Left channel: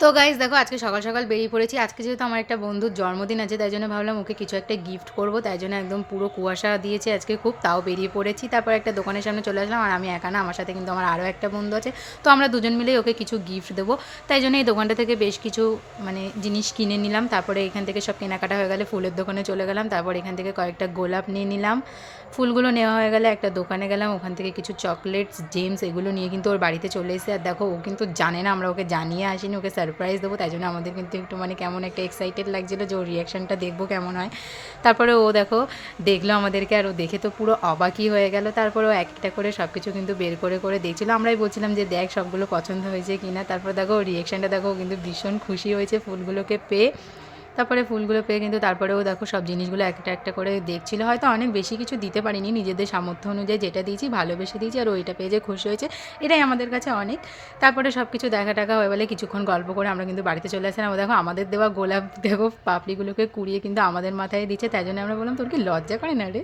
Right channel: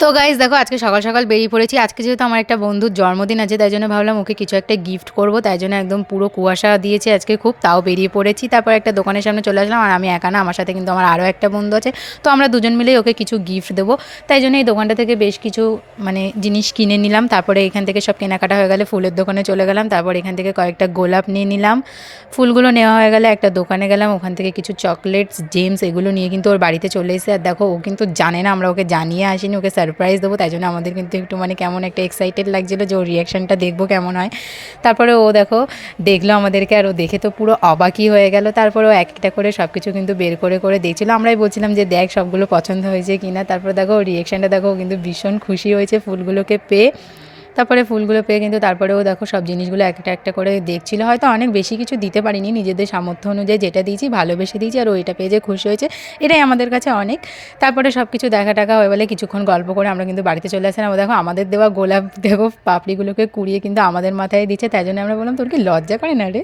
তো গাইস দেখো আজকে সকাল সকাল বেরিয়ে পড়েছি। আজকে যেহেতু আমার একটা বন্ধুর জন্মদিন আছে, তাই জন্য ভাবলাম ওকে কিছু একটা গিফট করব। তাই জন্য একদম পুরো কুয়াশা দিয়েছে আজকে খুব, তাও বেরিয়ে পড়েছি। তারপর একটা দোকানের সামনে চলে আসলাম, আর আমি একা না, আমার সাথে কিন্তু আমার আরও একটা বন্ধু আছে। তো আমরা দুজন মিলেই ওকে কিছু গিফট দেবো। তাই জন্য এই দোকানটা থেকে বেশ কিছু জিনিস কিনে নিলাম। তারপরে এখান থেকে সব কেনাকাটা হয়ে গেলে ফুলের দোকানে চলে গেলাম। তারপর এখান থেকে কয়েকটা গোলাপ নিয়ে নিলাম। ফুলগুলো নেওয়া হয়ে গেলে একটা দোকানে গেলাম, ওখান থেকে কিছু চকলেটস, জেমস এগুলো নিয়ে কিন্তু ওর বাড়িতে চলে এসে। আর দেখো ও কিন্তু জানে না, আমরা ওকে জানিয়ে আসিনি, ওকে সারপ্রাইজ দেবো। তাই জন্য আমাদের কিন্তু একটু কেমন একটা এক্সাইটেড লাগছিলো যে ওর রিয়াকশানটা দেখবো কেমন হয়। তারপরে ও দেখো দেখলো আমাদেরকে, আর ও দেখে তো পুরো অবাকই হয়ে গেল। তারপরে ও এক একটা করে সব কিছু কিন্তু বের করে করে দেখছিলো। আমরাই বলছিলাম যে দেখ সবগুলো পছন্দ হয়েছে কিনা। তারপর দেখো ওর রিয়াকশানটা দেখো, ও কিন্তু ভীষণ খুশি হয়েছে ফুলগুলোকে পেয়ে। তারপরে ফুলগুলো পেয়ে কিন্তু তারপরেও দেখো সব জিনিসগুলো একটা একটা করে দেখছিল। হয়তো অনেক বেশি কিছু দিতে পারিনি, নিজেদের সামর্থ্য অনুযায়ী যেটা দিয়েছি ভালোবেসে দিয়েছি, আর ওইটা পেয়ে যে খুশি হয়েছে এটাই আমাদের কাছে অনেক। তারপরে সব কিছু দেখা টাকা হয়ে বলে কিছুক্ষণ গল্প করে আমরা কিন্তু বাড়িতে চলে আসলাম। ও দেখো আমাদের দেওয়া গোলাপ দেখো পাপড়িগুলোকে কুড়িয়ে কিন্তু আমাদের মাথায় দিচ্ছে। তাই জন্য আমরা বললাম তোর কি লজ্জা করে না রে।